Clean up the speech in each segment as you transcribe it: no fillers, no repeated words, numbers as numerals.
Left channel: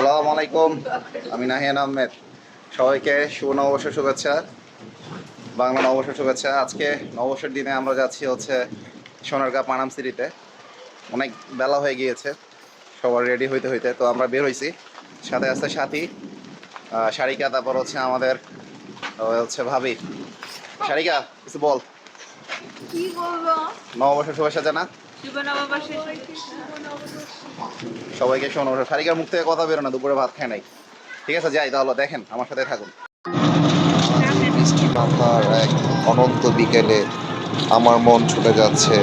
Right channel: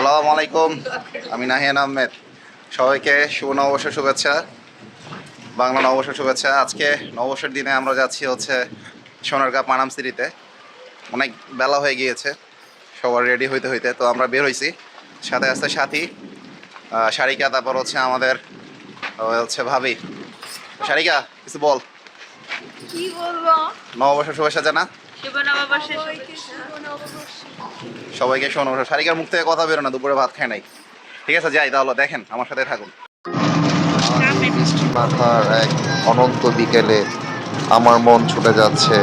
আসসালামু আলাইকুম, আমি নাহিয়ান আহমেদ। সবাইকে শুভ নববর্ষের শুভেচ্ছা, বাংলা নববর্ষের শুভেচ্ছা। আজকে নববর্ষের দিনে আমরা যাচ্ছি হচ্ছে সোনারগাঁ পানাম সিটিতে। অনেক বেলা হয়ে গিয়েছে, সবার রেডি হইতে হইতে তো আমরা বের হয়েছি। সাথে আসতে সাথী, সারিকা, তারপর হচ্ছে আমাদের হচ্ছে ভাবি। সারিকা, কিছু বল। কি বলবো? নববর্ষের শুভেচ্ছা জানা শুভ নববর্ষের সবাইকে শুভ নববর্ষ। সবাইকে। শোনো, সারিকার মুখ থেকে কথা বেরো না, দুপুরে ভাত খায় নাই। ঠিক আছে, যাই তাহলে, দেখেন আমার সাথে থাকুন। বৃষ্টি মাথার এক অনন্ত বিকেলে আমার মন ছুটে যাচ্ছে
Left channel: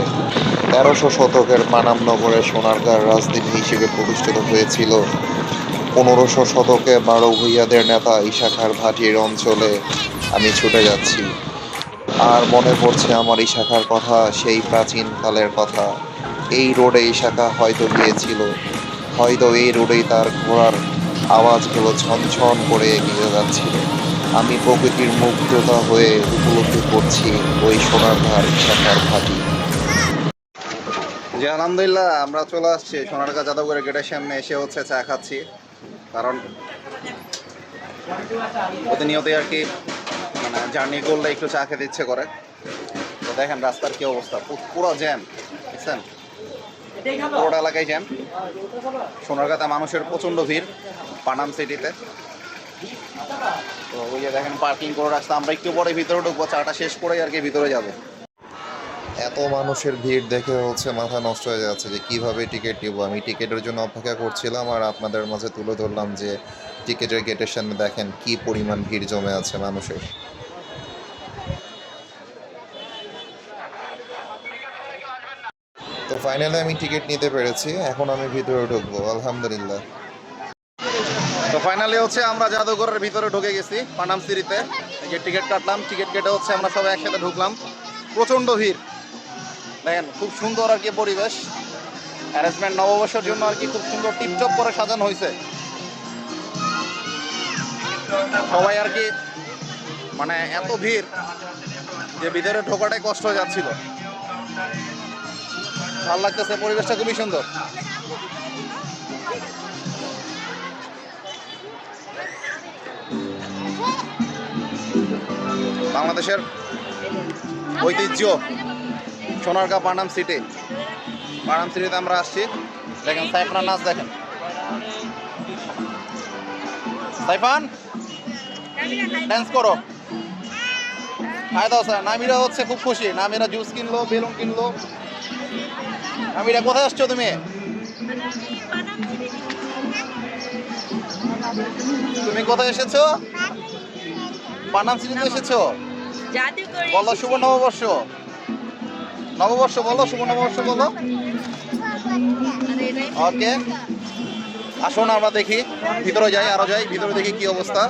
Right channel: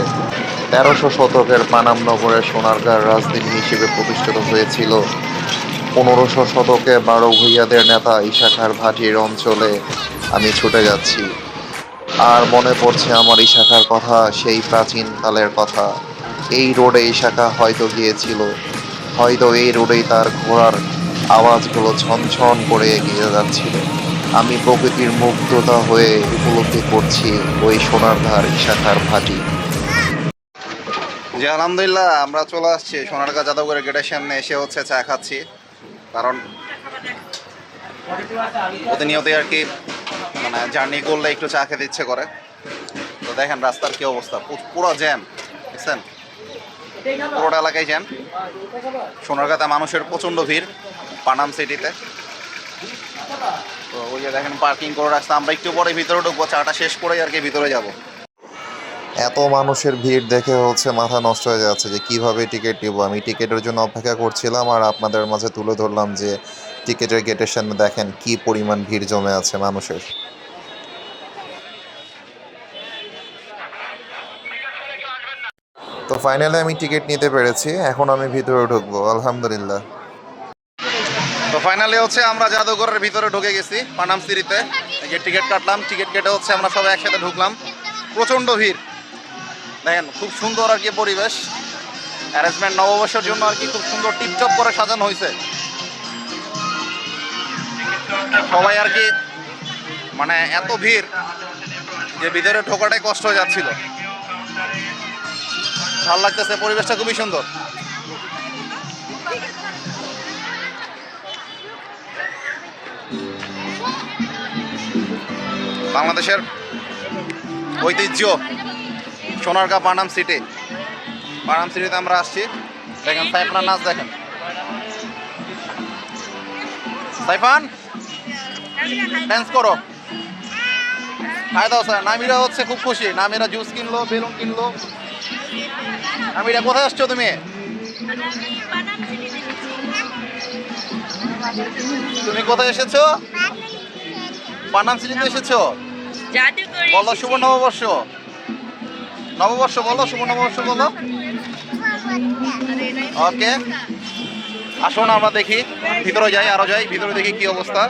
১৩০০ শতকের পানাম নগরের সোনারগাঁর রাজধানী হিসেবে প্রতিষ্ঠিত হয়েছিল ১৫০০ শতকে বারো ভূঁইয়াদের নেতা ইশাখার ভাটির অঞ্চলে। আমি ছুটে যাচ্ছি, আর মনে পড়ছে আমার ইশাখার কথা, সেই প্রাচীন কালের কথা। এই রোডে ইশাখা হয়তো গিয়েছিল, হয়তো এই রোডেই তার ঘোড়ার আওয়াজগুলো ঝনঝন করে এগিয়ে যাচ্ছিল। আমি প্রকৃতির মুগ্ধতা হয়ে উপলব্ধি করছি ওই সোনারধার ইশাখার ভাটি। জি আলহামদুলিল্লাহ, আমরা চলে আসছি সোনারগাঁ জাদুঘরের গেটের সামনে। এসে হচ্ছে চা খাচ্ছি, কারণ প্রতিনিয়তই আর কি মানে জার্নি করলে একটু চা খেতে ইচ্ছে করে। তো দেখেন রাস্তার কি অবস্থা, পুরো জ্যাম, বুঝছেন, পুরোটা এলাকায় জ্যাম। সোনারগাঁতে মানুষের প্রচণ্ড ভিড় পানাম সিটিতে। তো ওই যে দেখেন পার্কিং করে রাখছে, আমরা একটু পরে ভিতরে ঢুকবো, চাটা শেষ করেই আর কি ভিতরে যাব। এত মানুষের ভিড় দেখে হচ্ছে মাথা নষ্ট হয়ে যাচ্ছে যে কিভাবে টিকিট নিব। আমি টিকিটের জন্য অপেক্ষা করছিলাম, আর আপনাদের মাঝে তুলে ধরলাম যে টিকিটের গেটের সামনে দেখেন কি পরিমাণ ভিড় জমে আছে মানুষের। তো ফাইনালি আমি টিকিট নিতে পেরেছি, এখন আমি ভিতরে ঢুকবো আলহামদুলিল্লাহ। তো ফাইনালি হচ্ছে আমরা জাদুঘরের ভিতরে ঢুকে গেছি পানাম সিটিতে। এই যে টিকিট কাটলাম, টিকিট কেটে হচ্ছে আমরা সবাই একসাথে ঢুকলাম। প্রচণ্ড ভিড় দেখেন, খুব সুন্দর আর কি পরিবেশ, অ্যারেঞ্জমেন্ট নববর্ষের জন্য আর কি খুব সুন্দর টিপটপ করে সাজানো হয়েছে। সবাই আর কি মানে এত ভিড় যে ভিতরে ঢোকাটাই কষ্ট হয়ে যাচ্ছিল। ভালো লাগতেছে, পরিবেশটা খুবই সুন্দর। বাংলাদেশের ঐতিহ্য সোনারগাঁ পানাম সিটি। পানাম সিটিতে আমরা আসছি। দেখেন সাইফানের নাচ, দেখেন সাইফান ড্যান্স করো, খাই দাও স্যার। নামিরা হচ্ছে খুব খুশি, নামিরা জুস কিনলো, বেলুন কিনলো। নামিরা কোথায় আসছো তুমি? তুমি কোথায় এসেছো? পানাম সিটিতে এসেছো। বলো শুভ নববর্ষ, নববর্ষ বলো, শুভ নববর্ষ বলো। ওকে, আসুন আমরা দেখি, ভিতরে যাই, আরো যাই ভিতরে, দেখি কি অবস্থা।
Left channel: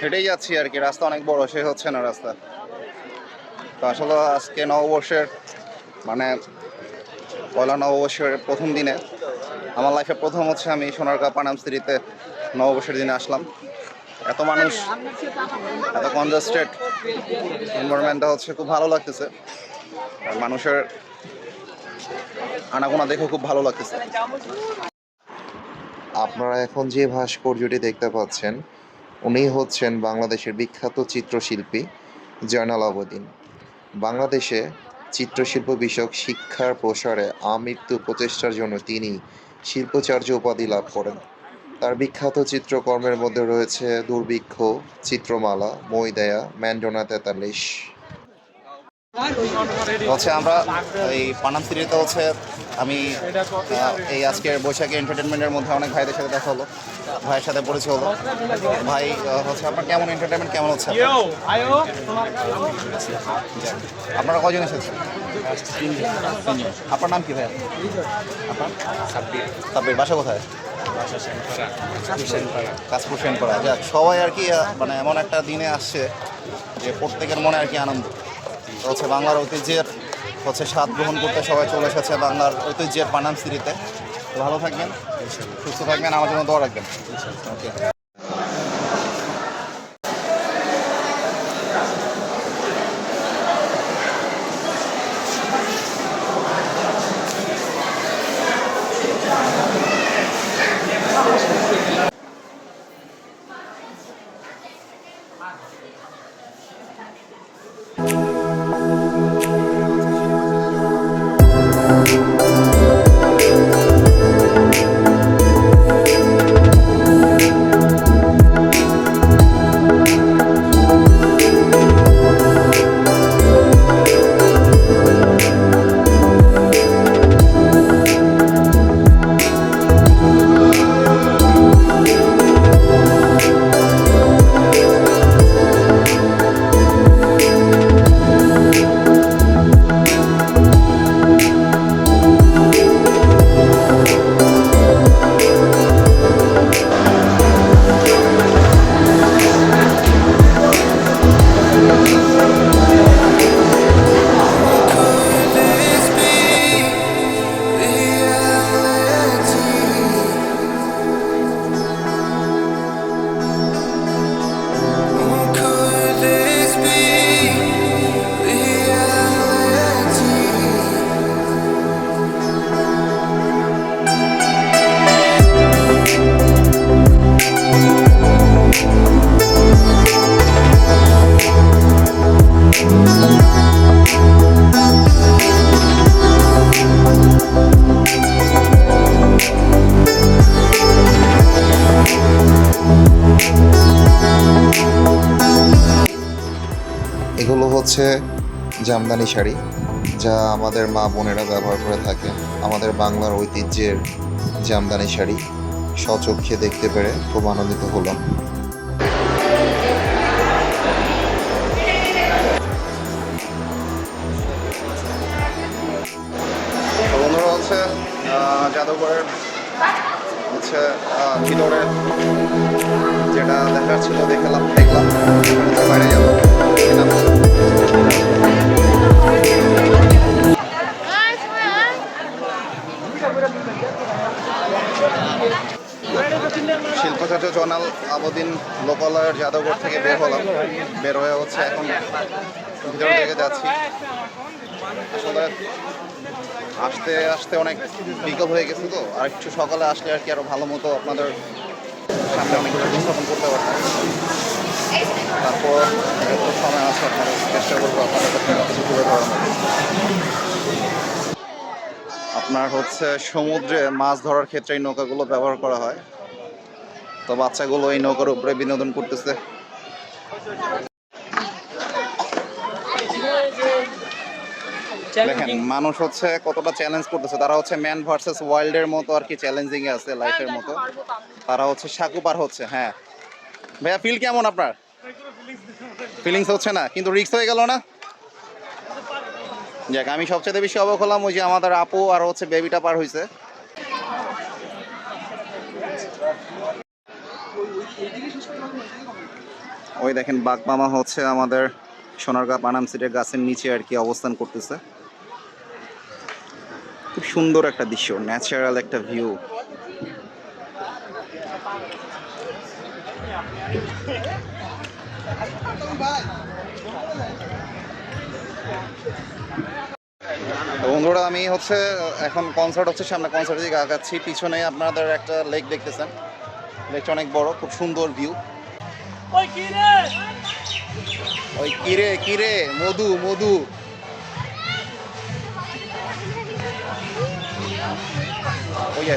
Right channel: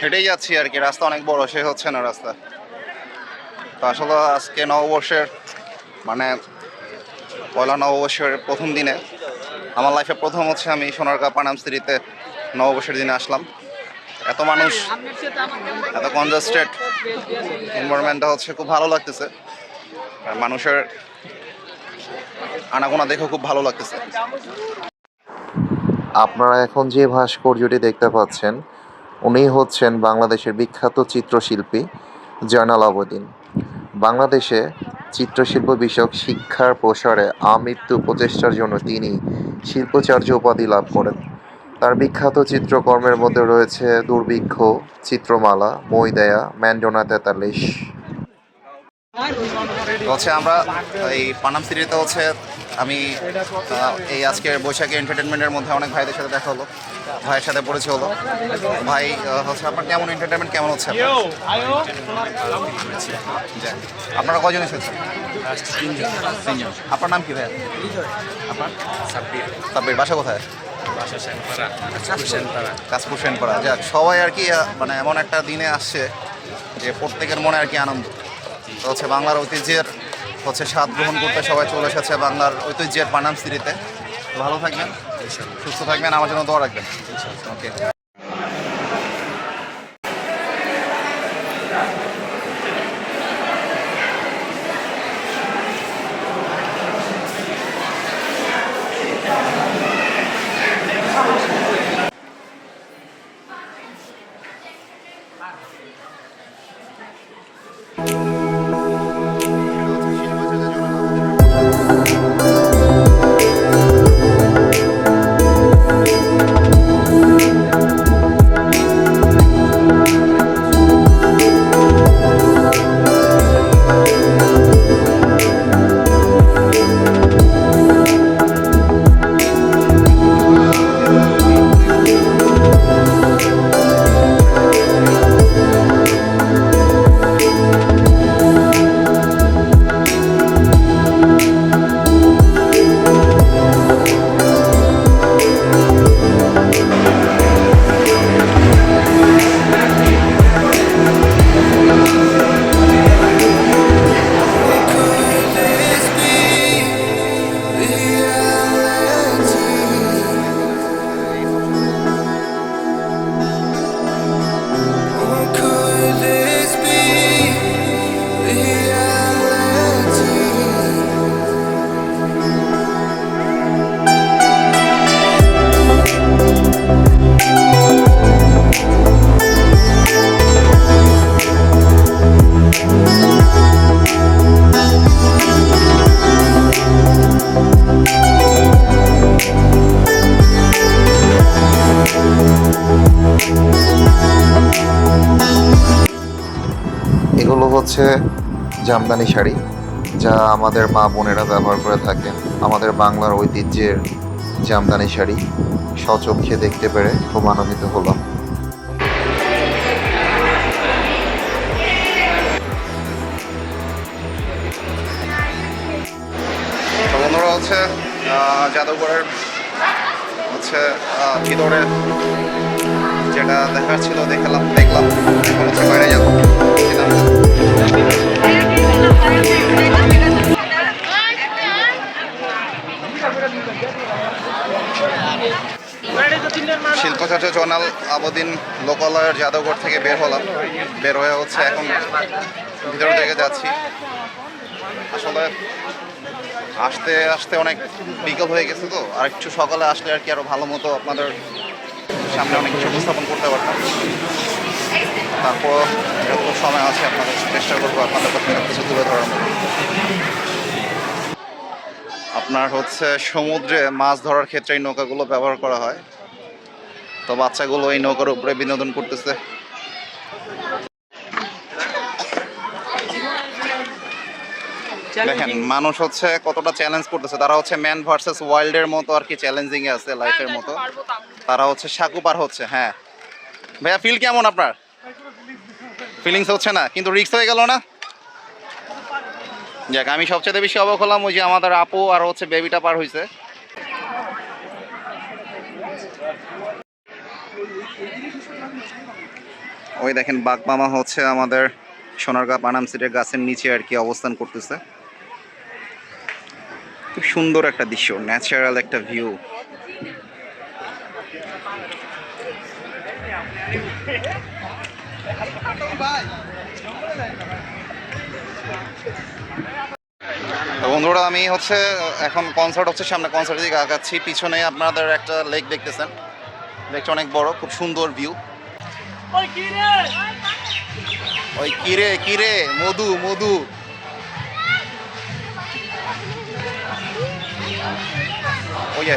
হেঁটেই যাচ্ছি আর কি, রাস্তা অনেক বড়, সে হচ্ছে না রাস্তা। তো আসলে আজকে নববর্ষের মানে পয়লা নববর্ষের প্রথম দিনে আমার লাইফে প্রথম হচ্ছে আমি সোনারগাঁ পানাম সিটিতে নববর্ষের দিনে আসলাম। এত মানুষ, এত কনজাস্টেড এনভায়রনমেন্টটা হচ্ছে খুব ভালো লাগতেছে, আর মানুষের আনাগোনা দেখেও খুব ভালো লাগতেছে। আপনারা এখন যে ভাস্কর্যটি দেখতে পাচ্ছেন উনি হচ্ছেন বাংলাদেশের বিখ্যাত চিত্রশিল্পী জয়নাল আবেদিন। বাংলাদেশে চিত্রশিল্প বিষয়ক শিক্ষার প্রসারে আমৃত্যু প্রচেষ্টার জন্য তিনি শিল্পাচার্য উপাধি লাভ করেন। তার বিখ্যাত চিত্রকর্মের মধ্যে রয়েছে দুর্ভিক্ষ, চিত্রমালা, মইদায়া, ম্যান্ডোনা তেতাল্লিশ। হচ্ছে আমরা এই পানাম সিটিতে হচ্ছে আমি এই আজকের বৈশাখী এন্টারটেনমেন্টের মধ্যে অনেক ভাইদের সাথে দেখা হলো, ভাইয়ের সাথে পরিচয় হলো। ভাই হচ্ছে আপনার কেমন এন্টারটেনমেন্ট কেমন হচ্ছে আপনার? যাক, আপনারা কয়জন এসেছেন? তিনজন। আপনার নাম কি ভাইয়া? আপনার? সাব্বির। বাসা কোথায়? কাশপুর সেনপাড়া। যাক, সবাই আর কি মানে এমন একটা দিনে আসছে যে প্রত্যেকের মনে আর কি আনন্দ। তো হচ্ছে বাংলার ঐতিহ্যের হচ্ছে স্বাদ গ্রহণ করতে সবাই চলে এসেছে বাংলার ঐতিহ্যের পানাম সিটিতে। তো ভালো থাকবেন, সুস্থ থাকবেন, আমার জন্য দোয়া রাখবেন। ওকে। এগুলো হচ্ছে জামদানি শাড়ি, যা আমাদের মা বোনেরা ব্যবহার করে থাকেন। আমাদের বাংলার ঐতিহ্যের জামদানি শাড়ি স্বচক্ষে দেখতে পেরে খুব আনন্দিত হলাম। তো বন্ধুরা হচ্ছে জাদুঘরের হচ্ছে ভিতরে যেটা দেখার ছিল দেখলাম, এখন হচ্ছে বাইরে যাবো। শিল্পাচার্য জয়নাল আবেদিন লোকালয়ের জাদুঘর থেকে বের হলাম, বের হয়ে হচ্ছে এখন ভিতর দিকে যাচ্ছি। আসলে আসতে আসতে অনেক বিকেল হয়ে গেছে, তো আর একটু সকালে আসলে আর কি আরো ভালো মতো আপনাদের সামনে অনেক কিছু উপস্থাপন করতে পারতাম। তারপর যত সময় আছে আপনাদের চেষ্টা করবো আপনাদের কাছে সব কিছু তুলে ধরার মতো। আপনার হচ্ছে সমুদ্রে মাছ ধরার ক্ষেত্রে এই নৌকাগুলো ব্যবহার করা হয়। তো বাচ্চাগুলো এই নৌকার উপরে বিনোদন করতেছে। দেখেন মানুষ হচ্ছে কতটা চ্যালেঞ্জ করতেছে, তারা হচ্ছে ম্যান ভার্সেস ওয়াইল্ডের মতো আর কি চ্যালেঞ্জিং এ আছে লাইফের মতো। তারা হচ্ছে সাঁকু পার হচ্ছে। হ্যাঁ ভাইয়া, ফিল কেমন আপনার? ফিলিংস হচ্ছে না, কিন্তু রিস্ক হয়ে গেল না? যাক, আমি সবচেয়ে বেশি অবাক হলাম ওই যে আমাদের আপু আর হচ্ছে বেবিটা পার হয়েছে। ওই দেখেন বাঘ মামা হচ্ছে আমাদের সোনারগাঁ পানাম সিটের গাছের নিচে আর কি অবস্থান করতেছে। খুব সুন্দর একটা দৃশ্য, ন্যাচারাল একটা ভিউ। তো বন্ধুরা আমি হচ্ছে এখন কনসার্ট হচ্ছে সামনে, কনসার্টের দিকে আগাচ্ছি। পিছনে আপনাদের একটা লেক দেখতেছেন, লেকটা অনেক বড়, খুব সুন্দর ভিউ। ওই কিরে কিরে মধু মধু, ওই যে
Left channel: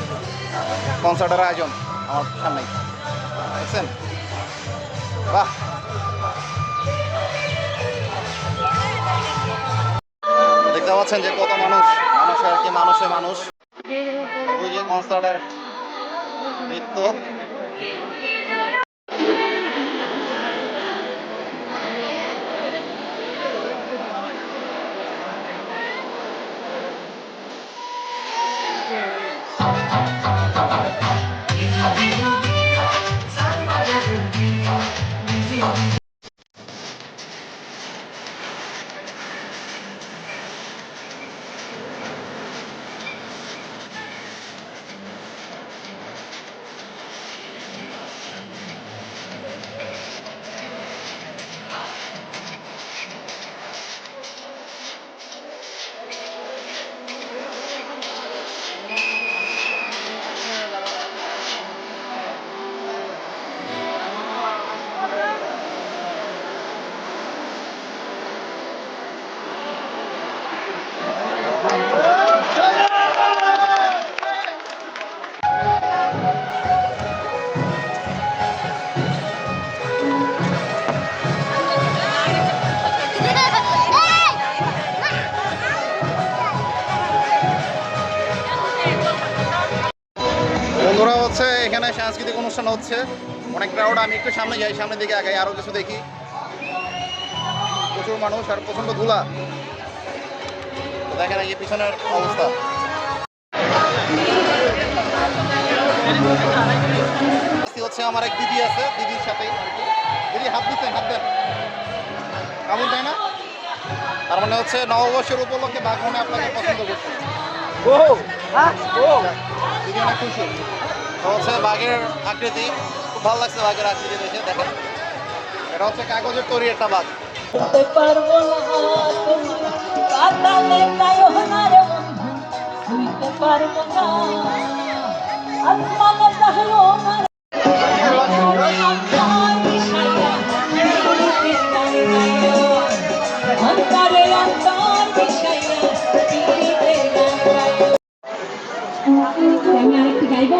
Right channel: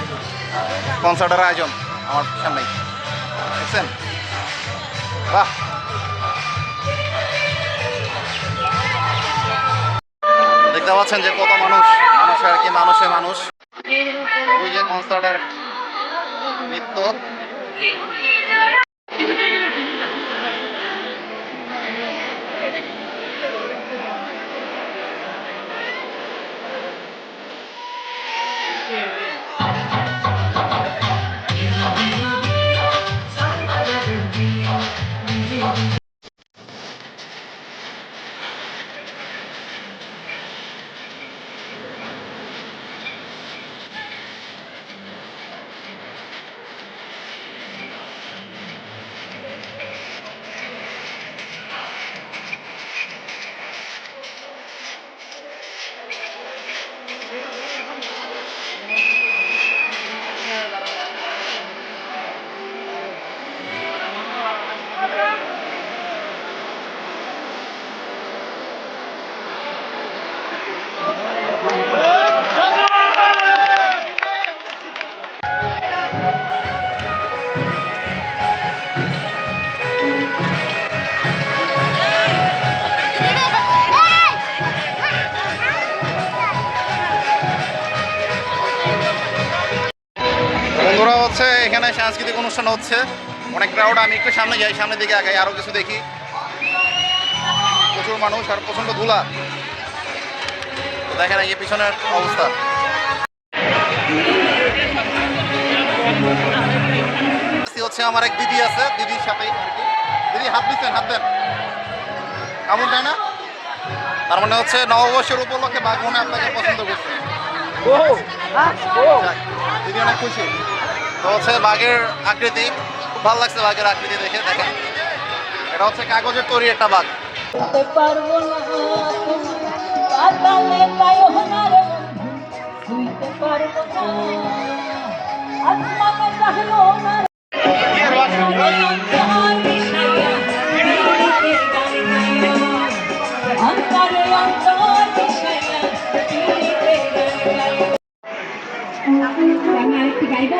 কনসার্টের আয়োজন আমার সামনে দেখছেন, বাহ। দেখতে পাচ্ছেন যে কত মানুষ, মানুষ আর কি, মানুষে মানুষ। ওই যে কনসার্টের নৃত্য। বন্ধুরা হচ্ছে এখানে সাংস্কৃতিক অনুষ্ঠান হচ্ছে, অনেক ক্রাউড। আমি একটু সামনে যাই, সামনের দিকে আগাই, আরও কিছু দেখি। প্রচুর মানুষ আর প্রচণ্ড ধুলা। তো দেখেন এই পিছনের অবস্থা। হচ্ছে আমার এক দিদি আছে, দিদির সাথেই আর কি। দিদি হাত দিচ্ছেন, হাত দেন, কেমন তাই না? তার মানে হচ্ছে নববর্ষের উপলক্ষে বাঘ মনে আপনাকে পছন্দ করছে। দিদি অনেক খুশি। তো হচ্ছে বাঘের আকৃতি খুব ভালো লাগছে, বাঘের আকৃতি দেখে। দেখেন এটা হচ্ছে কাগজের তৈরি একটা বাঘ। আমি আরেকটি গাইব।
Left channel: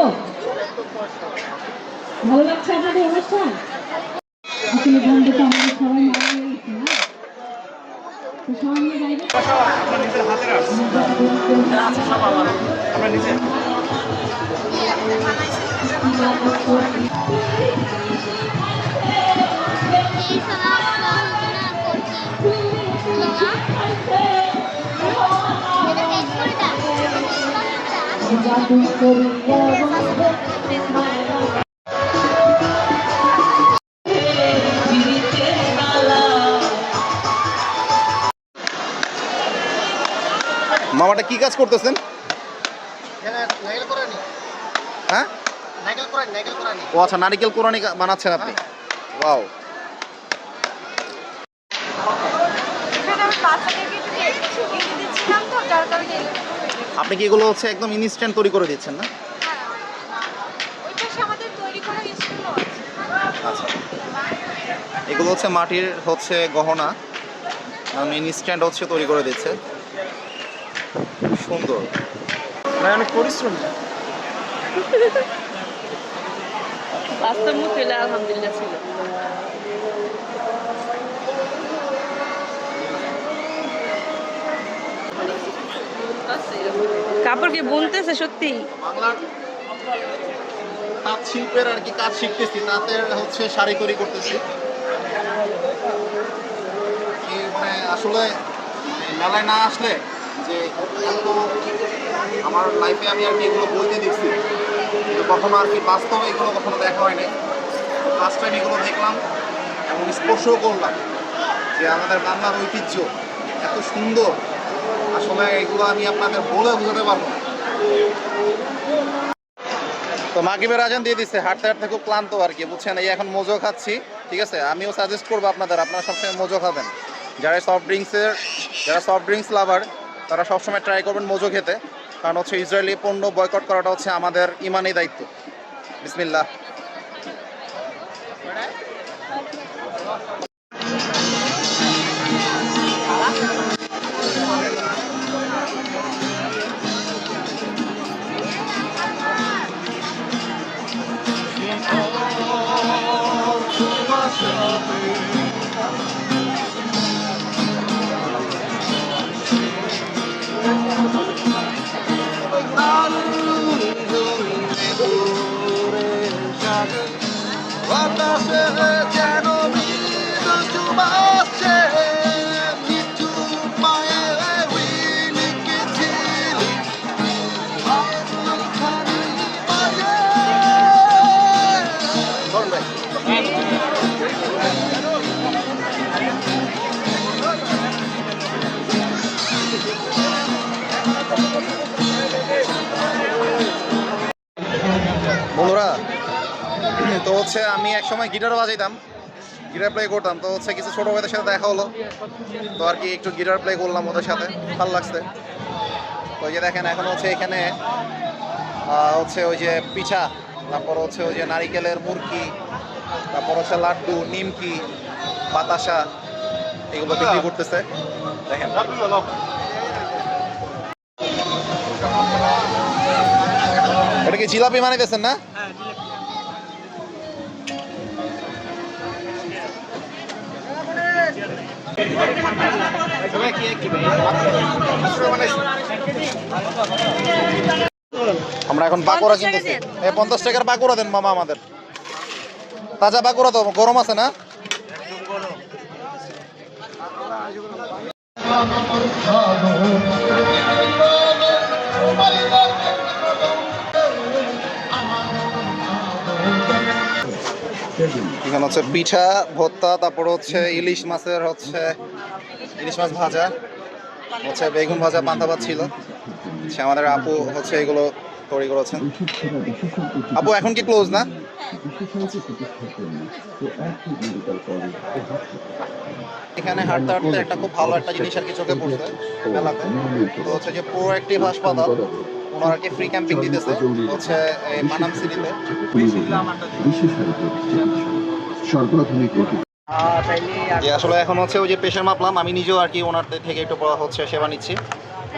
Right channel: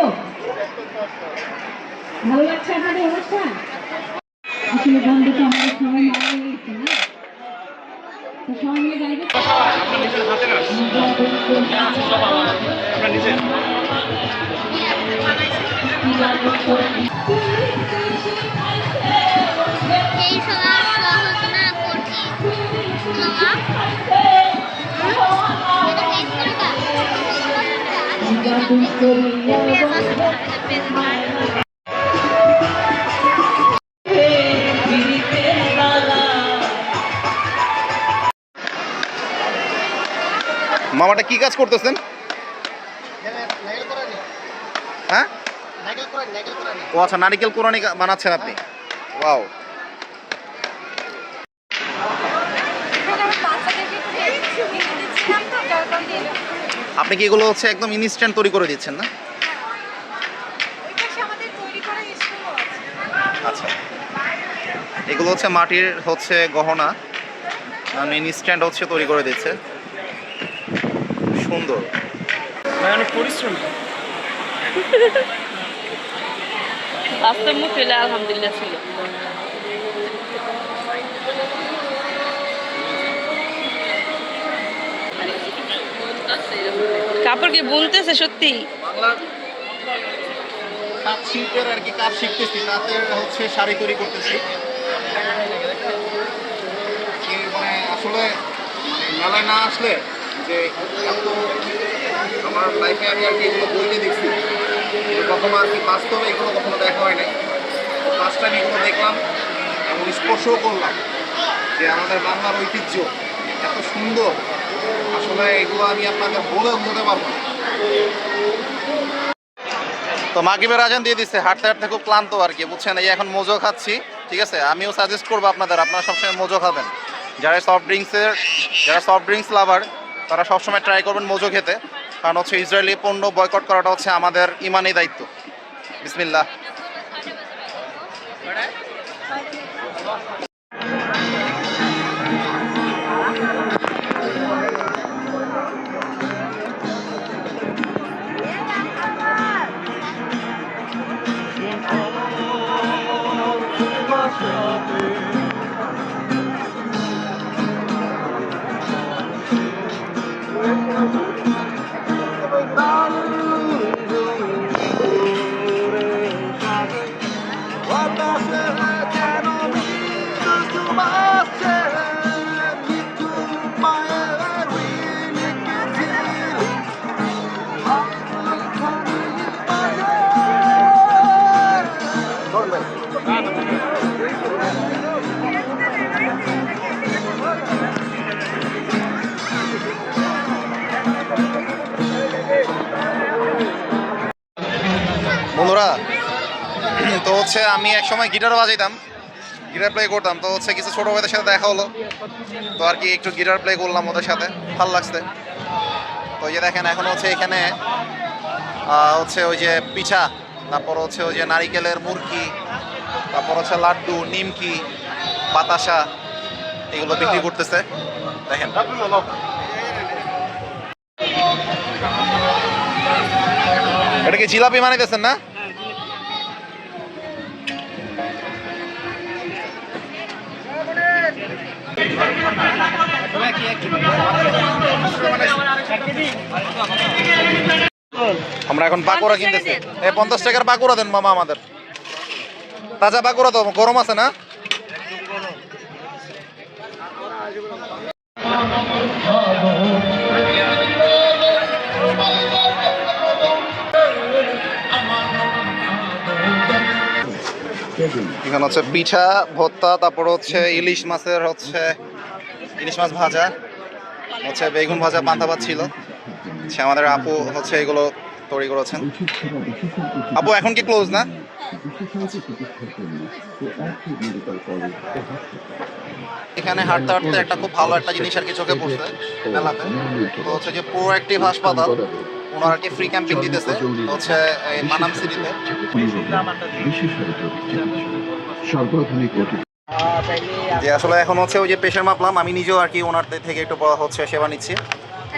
ভালো লাগছে আপনাদের অনুষ্ঠান? আসলে বন্ধুটা আমাদের সবাই মারা গেছে না, তো সবাই মিলে গাইবে। এই সময় সহজনা কঠিন তোমার এটা টেস্ট করে দাও। মামাটা কি কাজ করতেছেন? হ্যাঁ, ও আচ্ছা, নারিকেল কোরানি বানাচ্ছেন আপনি? ওয়াও। আপনি কি এগুলো হচ্ছে একদম ইনস্ট্যান্ট তৈরি করে দিচ্ছেন না? আচ্ছা, এগুলো হচ্ছে মাটির হচ্ছে গহনা, ইনস্ট্যান্ট হচ্ছে তৈরি করে দিচ্ছে। সুন্দর, অনেক পরিশ্রম। বাস্তব মুখ এলে আলহামদুলিল্লাহ ছিল। কাপড় কি বুনতেছে সত্যি? বাংলার তাঁত শিল্পের আর কি কাজ শিখতেছি, তাঁতের হচ্ছে শাড়ি তৈরি করতেছি। মানে আসলে মেলায় না আসলে যে এত আমার লাইফে আমি আর কি এগুলো বইতে দেখছি, কিন্তু কখনো আর কি বাস্তবে এগুলো কখনো দেখা হয় নাই। ফার্স্ট টাইম এগুলো দেখলাম এবং এবং স্পর্শও করলাম যে আমাদের বাংলার ঐতিহ্য এত সুন্দর, আসলে এগুলো আমি আপনাদের বলে বোঝাতে পারবো না। তো মাগরিবের আজান দিয়ে দিচ্ছে, হাঁটতে হাঁটতে খুব ক্লান্ত আর কি, বুঝছেন। এই এখন মোজো খাচ্ছি, ঠিক আছে। আমিও সাজেস্ট করবো আপনারা সবসময় মোজো খাবেন। যারা সফট ড্রিঙ্কস লাভার তারা সবসময় ট্রাই করবেন মোজো খেতে, কারণ হচ্ছে ইসরায়েলি পণ্য বয়কট করাটা হচ্ছে আমাদের ইমানি দায়িত্ব। বিসমিল্লাহ। বন্ধুরা, তো হচ্ছে আমি একসময় গিটার বাজাইতাম, গিটার প্লে করতাম। তো হচ্ছে কিছু ছোটো ভাইদের সাথে দেখা হলো, তো আর কি একটু গিটার প্লে করলাম ওদের সাথে, ভালো লাগছে। তো ওই যে দেখেন এখন হচ্ছে এখানে হচ্ছে ওই যে পিঠা, তারপর হচ্ছে ওই যে নারিকেলের মুরকি, তারপর হচ্ছে লাড্ডু, নিমকি, বাতাসা, এগুলো বিক্রি করতেছে দেখেন। এটা কি জিলাপি বানাইতেছেন না? আমরা এখন পাকোড়া কিনতেছি। 50 টাকার পাকোড়া দেন মামা আমাদের, তাজা পাকোড়া তো, গরম আছে না? এখানে হচ্ছে পিঠা, ভর্তা, তারপর হচ্ছে ইলিশ মাছ ভাজা, হচ্ছে বেগুন ভাজা, পান্তা ভাত ছিল। সে আমাদের আপু হচ্ছে এগুলো তৈরি করেছেন। আপু এখন কি ক্লোজ না? এখানে হাঁটতে হাঁটতে একটা খুব ভালো একটা জিনিস আর কি চোখে পড়ছে মেলাতে, তো হচ্ছে যে প্রোঅ্যাক্টিভ হাসপাতাল, ওনারা কি ফ্রি ক্যাম্পিং দিতেছে হচ্ছে এই মানাম সিটিতে। যে আসলে এখন হচ্ছে ওই যে প্রেশার মাপলাম, আমি নিজেও আর কি ওনার থেকে একটু হচ্ছে সেবা নিচ্ছি।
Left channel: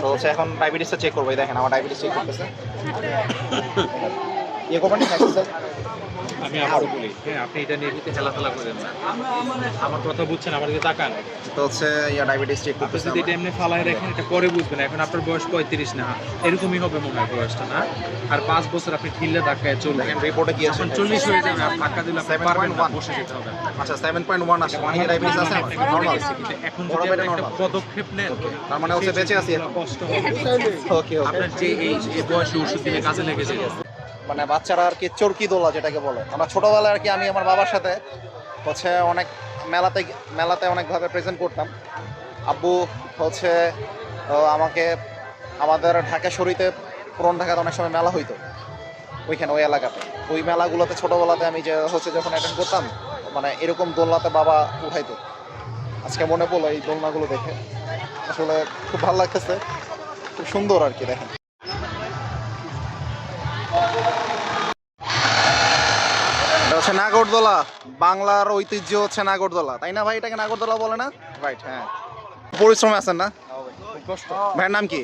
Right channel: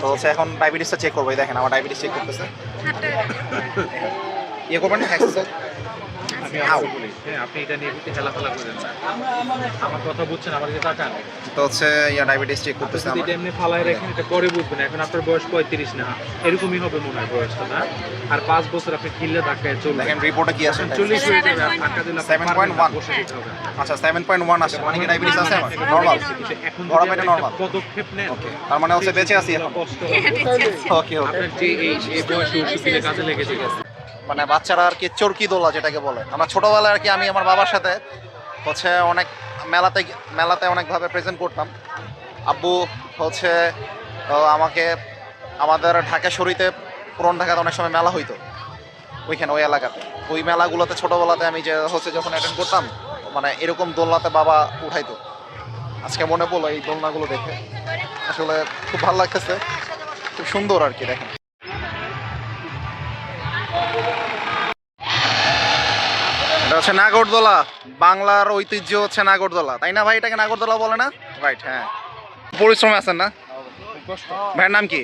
তো হচ্ছে এখন ডায়াবেটিসটা চেক করবো, দেখেন আমার ডায়াবেটিস চেক করতেছে। ইয়ে করবেন আমি আবারও বলি, আপনি এটা নিয়ে কিন্তু খেলাধুলা করেন না, আমার কথা বুঝছেন, আমার দিকে তাকান। তো হচ্ছে ডায়াবেটিস চেক করতেছে। যদি এটা এমনি ফালায় রাখেন, এটা পরে বুঝবেন। এখন আপনার বয়স 35 না, এরকমই হবে মনে হয় বয়সটা, না? আর 5 বছর আপনি ঢিলে ধাক্কায় চলবেন। দেখেন রিপোর্টে কি আছে, 40 হয়ে যাবে, আর ধাক্কা দিলে 7.1 বসে যেতে হবে। আচ্ছা 7.1 আছে, মানে কি ডায়াবেটিস আছে আমার? নরমাল, কিন্তু এখন ধরা যদি পেটে আপনি নরমাল, একটা পদক্ষেপ নেন, তার মানে হচ্ছে বেঁচে আছি এখন। কষ্ট হবে। ওকে ওকে। আপনার যে এই বয়সে ওষুধ দিলে কাজে লেগে যাবে। মানে বাচ্চারা আর কি চরকি দোলা যেটাকে বলে, আমরা ছোটোবেলায় আর কি আমি আমার বাবার সাথে হচ্ছে অনেক মেলাতে অনেকভাবে প্রেজেন্ট করতাম। আব্বু হচ্ছে আমাকে আমাদের ঢাকা শরীতে, পুরন ঢাকাতে অনেক সময় মেলা হইতো, ওইখানে ওই এলাকাতে, ওই মেলাগুলোতে ছোটোবেলাতে আমি যে হচ্ছে যখন অ্যাটেন্ড করতাম, মানে এরকম দোলনাতে বাবা উঠাইতো। আজকে মনে পড়লো এই দোলনাগুলো দেখে, আসলে খুব ভালো লাগতেছে, খুব সুন্দর আর কি। দেখেন এটা হচ্ছে নাগরদোলা, বাংলার ঐতিহ্য হচ্ছে নাগরদোলা, তাই না ভাই? এটাকে নাগরদোলা বলে না? রাইট, হ্যাঁ। পরিশ্রমে আছেন না? ভাইয়ের নাম কি?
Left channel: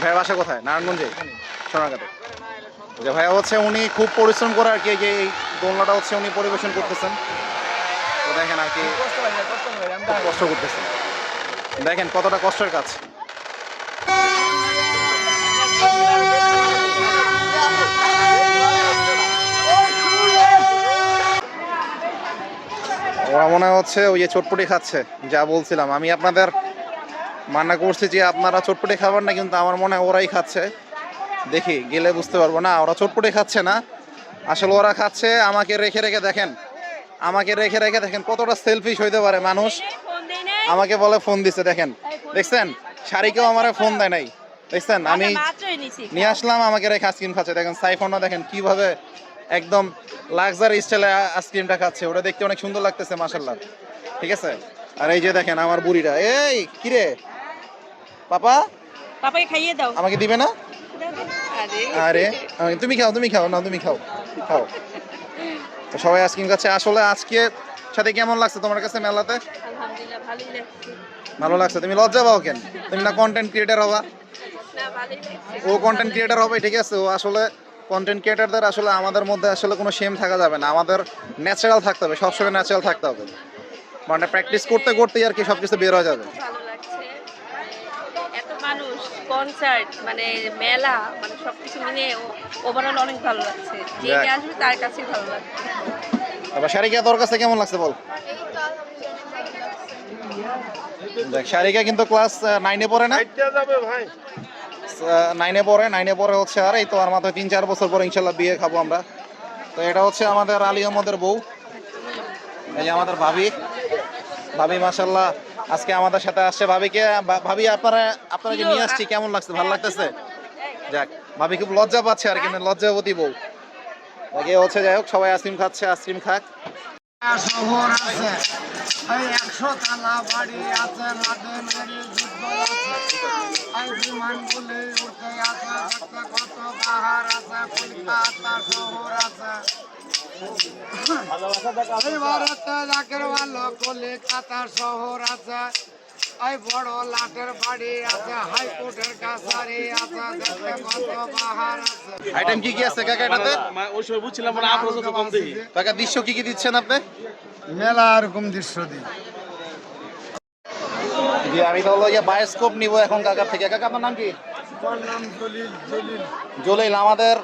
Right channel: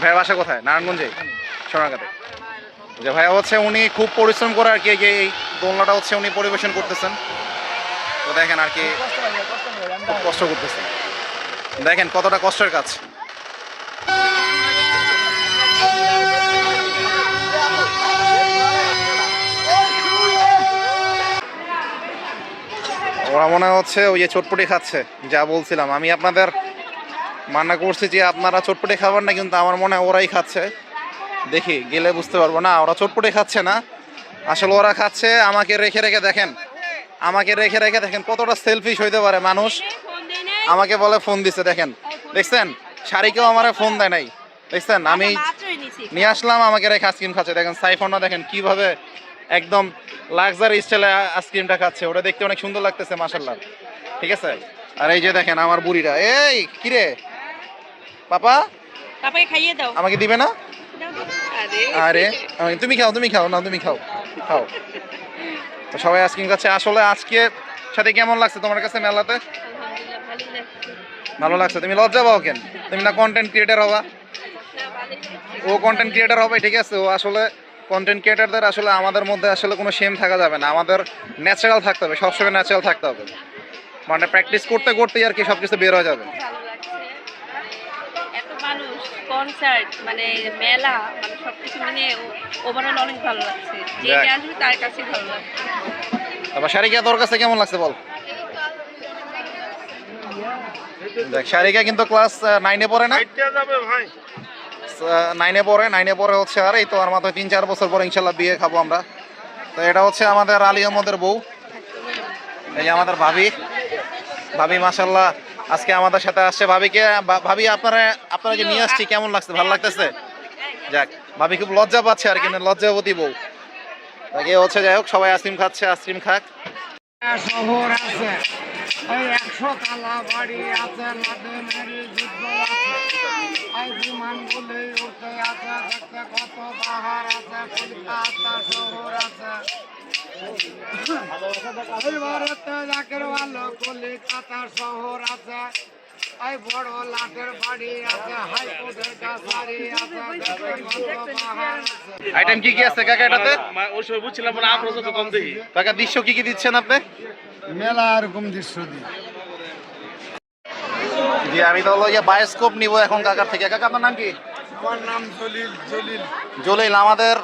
ভাইয়ের বাসা কোথায়? নারায়ণগঞ্জে, সোনারগাঁতে। যে ভাইয়া হচ্ছে উনি খুব পরিশ্রম করে আর কি এই দোলনাটা হচ্ছে উনি পরিবেশন করতেছেন। তো দেখেন আর কি খুব কষ্ট করতেছেন, দেখেন কতটা কষ্টের কাজ। ওরা মনে হচ্ছে ওই যে চটপটি খাচ্ছে, যা বলছিলাম আমি আপনাদের মানা করছি যে আপনারা চটপটি খাবার না, কিন্তু আমার মনে হয় ওরাই খাচ্ছে। দেখি গেলে বুঝতে পারবো। না, ওরা চটপটি খাচ্ছে না, আসলে ওরা খাচ্ছে আমাকে রেখে রেখে। দেখেন আমাকে রেখে রেখে দেখেন কতটা সেলফিশ হইতে পারে মানুষ। ফোন দেই না আমাকে বলে ফোন দিছে, দেখেন দেখছেন, শাড়িকেও আমার ফোন দেয় নাই, দেখছেন আমি মাত্রই নিছি নিয়ে আসলাম, আমাকে রেখে আইসক্রিম খাচ্ছে। দেখেন সাইফোনও দেখেন কিভাবে একদম লাক্সারি স্টাইলে আইসক্রিমটা খাচ্ছে, ওটা দেখতে অনেক সুন্দর লাগতেছে মাশাল্লাহ, ঠিক আছে। আর এই যে দেখেন আমার বুড়িটা, এই কিরে পাপা পাপাকে খাইয়ে দাও আমাকে দিবে না? আরে আরে তুমি খাও না, তুমি খাও খাও। তো সবাই আইসক্রিম খাচ্ছে। আসলে আজকে সাথে কেমন লাগছে তোমার কাছে মেলাতে? আলহামদুলিল্লাহ ভালোই লাগছে ভালো লাগছে। তুমি লজ্জা পাও কেন? তুমি না কন্টেন্ট ক্রিয়েটার হবা? না ভালোই লাগছে ও কন্টেন্ট ক্রিয়েটার হবে, ঠিক আছে। ও আসলে কন্টেন্ট ক্রিয়েটারদের আসলে আমাদের মধ্যে আসলে কোনো শেম থাকা যাবে না, আমাদের ন্যাচারাল থাকতে হবে, সবসময় ন্যাচারাল থাকতে হবে। মানে প্র্যাকটিস করতে করতেই আর কি সব কিছু বের হয়ে যাবে। ভালো লাগছে মানে এত মানুষ কনসার্ট মানে মেলা মানে সবকিছু মিলে ওভারঅল অনেক ভালো লাগছে যে যাক। যে আসবে তার কাছেই ভালো লাগছে তারপর শারিকা তোর কাছে কেমন লাগছে বল? দেখ শারিকা কিন্তু ক্লাস 9-এ পড়ে না, 9-এ পড়ে হচ্ছে। আর এই তো আর মাত্র 3-4 বছর পরে ইনশাল্লাহ বিয়ে খাবো আমরা। তো এটা হচ্ছে আমাদের আলী আহমদের বউ, এই যে আমাদের ভাবি মাশাল্লাহ আজকে আমাদের সাথে আসছে। ভাবি আপনারা যে নিয়ে আসছি কেমন লাগছে? ভালো লাগতেছে? যাক, ভাবি খুব লজ্জা পাচ্ছে আর কি, লজ্জাবতী বউ। তাকে হচ্ছে, যাই হোক সবাই আইসক্রিম খাচ্ছে, আইসক্রিম খাক। শহর আছে, ওই 100 তালা বাড়ি আছে, লাদেনের যুদ্ধ আছে, ওই বিমানগুলি উঠতে আছে, দেখতে কত পাহাড় আছে, কলকাতা শহর আছে। এই ভারতে জাকের ভালো কলিকাতা শহর আছে, ওই বড় লাটের বাড়ি আছে, হাইকোর্টের কাছারি আছে, দেখতে কত পাহাড় আছে। আইটেম কি কি আছে কাকা এটাতে? ওই সময় বুঝছিলাম না, আমরা যত কম দেখি। কাকা দৃশ্য কি কি দিচ্ছেন আপনি? মেলা এরকম দৃশ্য দিই। জি আমি তো হলো বায়োস্কোপ নিব এখন কাকার থেকে। কাকা আপনার নাম কি? আমার নাম জলিল। জলিল। আমাদের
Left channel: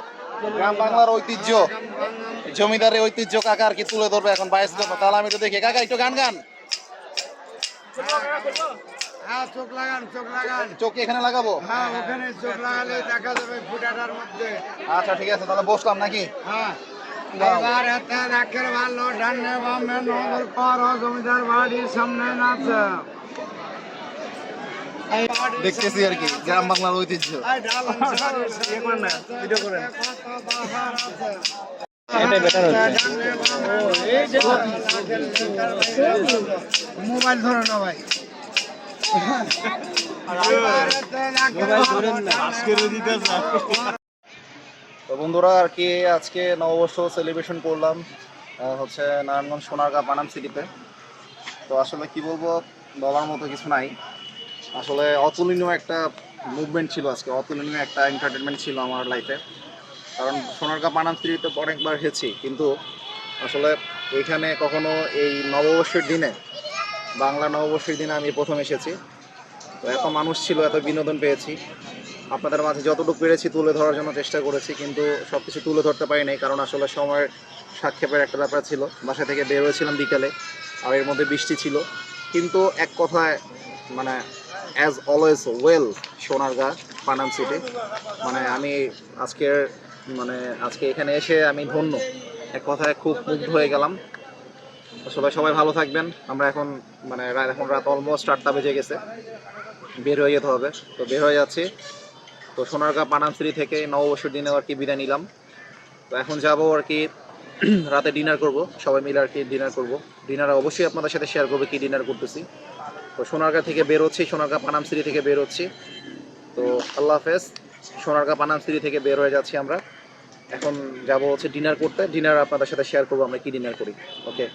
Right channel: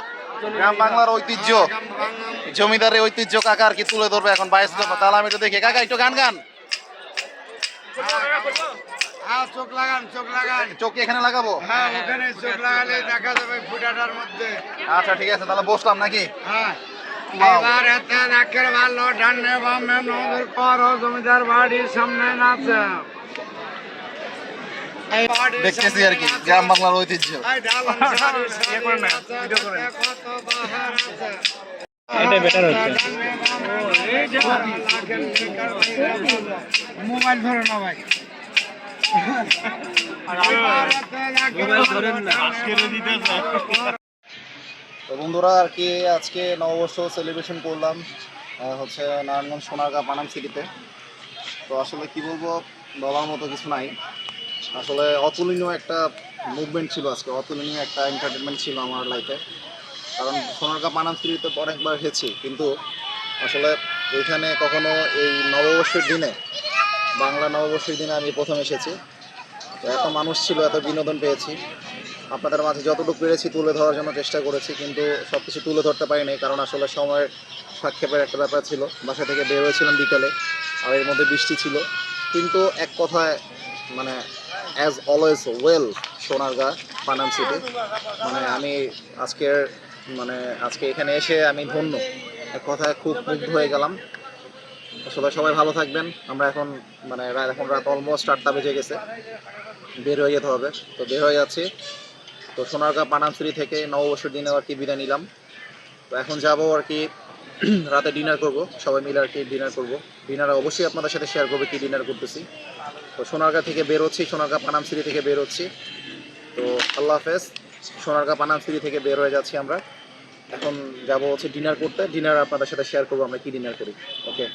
গ্রাম বাংলার ঐতিহ্য, জমিদারের ঐতিহ্য কাকা আর কি তুলে ধরবে এখন বায়োস্কোপ। তাহলে আমি একটু দেখি। কাকা একটু গান হ্যাঁ, চোখ লাগান। চোখ কি এখানে লাগাবো? হ্যাঁ, ওখানে চোখ লাগালে দেখা যাবে ফুটাটার মধ্যে। আচ্ছা ঠিক আছে, তাহলে বসলাম নাকি? হ্যাঁ, Wow. এবার এতে রাখের ভালো ডান্ডে বামে নদীর পর জমিদার বাড়ির সামনে নাচে। এই বাড়ির দেখতেছি আর কি গ্রাম বাংলার ঐতিহ্য। এই ডালান সারি সারি আছে, কত বাহার আছে। মোবাইল ধরো না ভাই, মোবাইল ধরেন না। তো বন্ধুরা আর কি আজকে নববর্ষ সেলিব্রেশন করলাম হচ্ছে নারায়ণগঞ্জ সোনারগাঁ পানাম সিটিতে। তো আসলে কি বলবো, বলার মতো কিছু নাই। আসলে অতুলনীয় একটা মুভমেন্ট ছিল আজকে, অতুলনীয় একটা এন্টারটেনমেন্ট ছিল আমার লাইফে। কারণ সোনারগাঁ পানাম সিটিতে অনেকবার এসেছি, কিন্তু আসলে এখানে কখনো এই নববর্ষের দিনে, বাংলা নববর্ষের দিনে আমি প্রথম এসেছি। তো এত মানুষ ছিল, এত বিনোদন পেয়েছি। আপনাদের মাঝে যতটুকু পেরেছি তুলে ধরার জন্য চেষ্টা করেছি, কিন্তু সব কিছু তুলে ধরতে পারিনি, কারণ আসলে সময়ের সাক্ষেপের একটা ব্যাপার ছিল। বাসা থেকে বের হয়েছিলাম বিকালে, আর এর মধ্যে বৃষ্টি ছিল। কিন্তু এক কথায় মানে as always well Sonargaon Panam city. মানে আমি আজকে এখানে এসে আমি ধন্য, এক কথায় খুব মুগ্ধ হয়ে গেলাম। আসলে সবাই ভালো থাকবেন। আমরা এখন এখন রাত অলমোস্ট 8টা বেজে গেছে, বের হয়ে যেতে হবে। তো বের হয়ে যাচ্ছি। তো সোনারগাঁ পানাম সিটি থেকে নববর্ষের দিনে আর কি বিদায় নিলাম। তো এখন যাবো আর কি রাতে ডিনার করব, সবাই মিলে আর কি ডিনার করব। ডিনার অবশ্যই আপনাদের সাথে শেয়ার করবে কি ডিনার করতেছি। তো সোনারগাঁ থেকে বের হচ্ছি, সোনারগাঁ পানাম সিটি থেকে বের হচ্ছি। তো আল্লাহ হাফেজ। সোনারগাঁ পানাম সিটি থেকে বের হয়ে যাচ্ছি আমরা। এখন যাব হচ্ছে ডিনার করতে। ডিনার আপনাদের সাথে শেয়ার করবো আমরা কি ডিনার করি। ওকে।